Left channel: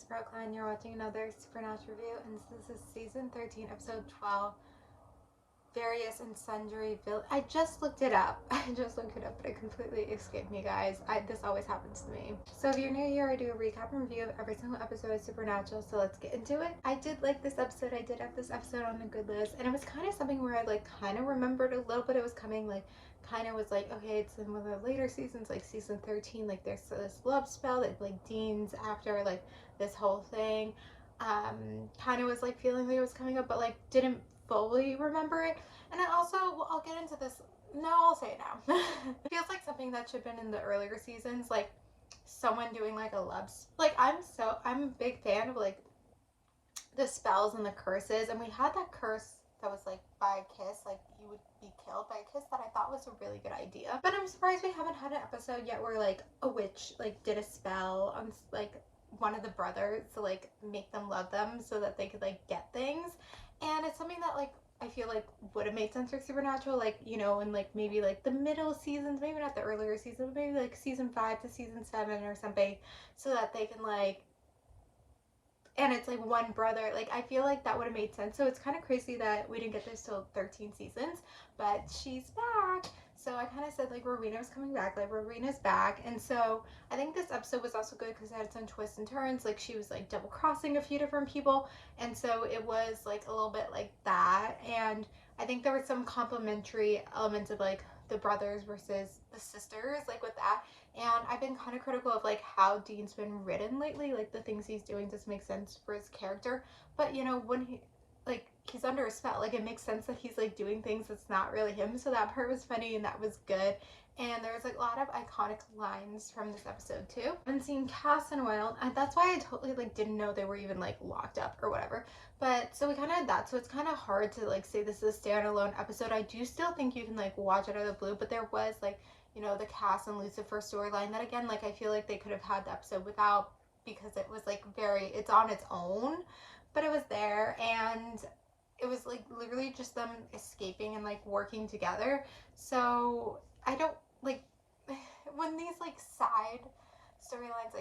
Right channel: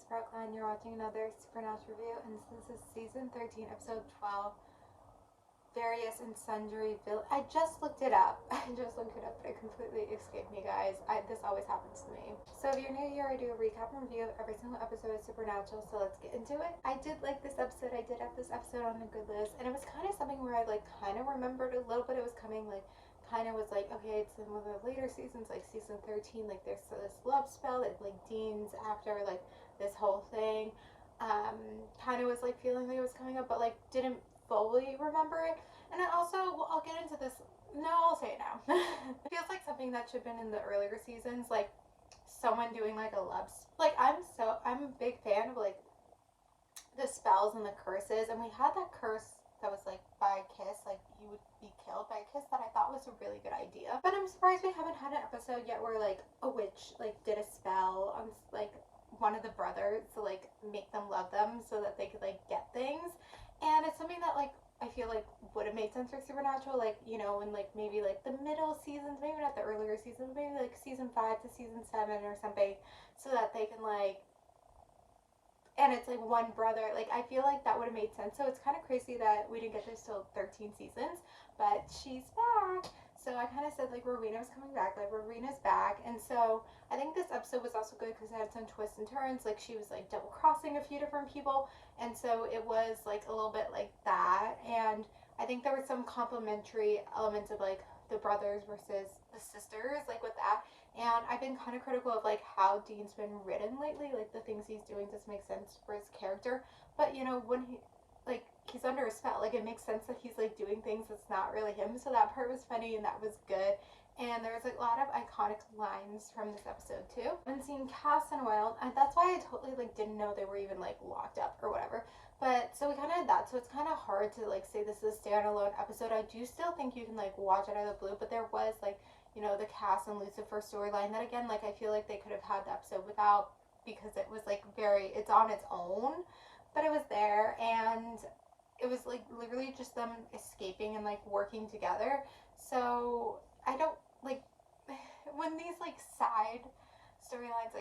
it's Brooklyn. You're watching another Supernatural review, and this is season 13, episode 12, Various and Sundry Village. I just looked it up. But it completely escaped me, guys. This always happens to me. So if you're new here, I do a recap and review of every single episode of Supernatural, so let's get into it. I did like this episode. I did have this episode on the good list, and it was kind of something where I kind of remembered a little bit it was coming, kind of was okay, it's in one of the later seasons, like season 13, there's this love spell that Dean's after, this whole thing. Kind of was feeling like it was coming up, but didn't fully remember it. And I also, well, I'll get into this. No, I'll say it now. It feels like something that should have been in the earlier seasons, someone doing a love. I'm a big fan of the spells and the curses, and we had that curse that was by a kiss, you would be killed by a kiss, that I thought was a really good idea. But I'm surprised we haven't had an episode yet where a witch did a spell on one of the brothers to make them love them so that they could get things. And it's something that I feel would have made sense for Supernatural, in maybe the middle seasons, maybe not the earlier seasons, maybe season 5 to season 7 or something, so that they can and it's one brother. I feel that would have made sense. So it's kind of crazy that we didn't get this till 13 seasons, but she's back. So I kind of said Rowena was coming back, Rowena's back. And so I think this episode was also good because it had some twists and turns. She was double crossing a few different people, and so it was a little bit that. And I think there were some complementary elements of the brothers versus the sisters, with that. And I've been kind of critical of how Dean's been written lately. The things he's doing doesn't make sense for his character. But when he he's under a spell, it makes sense that he's doing things that's not really him. So that part was funny and that was good. And there was a lot of iconic lines from this episode too. I haven't seen Cass in a while. That's why I totally didn't know they were even locked up or whatever. But so we kind of had that. So it's kind of hard to say this is a standalone episode. I do still think you can watch it out of the blue. But there was the Cass and Lucifer storyline that again I feel they could have had the episode without, because it was it's on its own, but it was there. And it was literally just them escaping and working together. So I don't when these side storylines,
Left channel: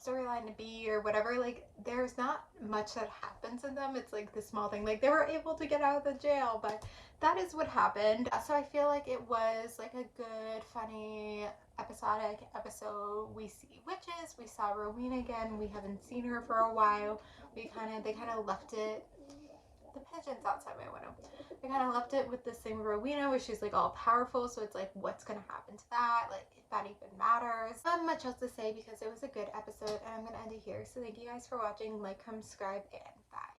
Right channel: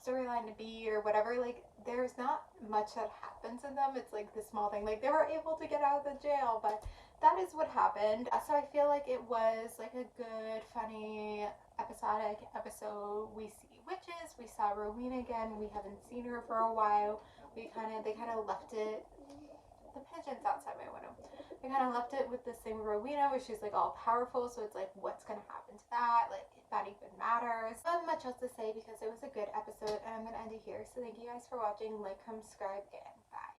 storyline to be or whatever, there's not much that happens in them. It's the small thing, they were able to get out of the jail, but that is what happened. So I feel it was a good, funny, episodic episode. We see witches, we saw Rowena again, we haven't seen her for a while. They kind of left it, the pigeons outside my window, they kind of left it with this thing with Rowena where she's all powerful. So it's what's gonna happen to that, if that even matters. Not much else to say because it was a good episode, and I'm gonna end it here. So thank you guys for watching. Comment, subscribe, and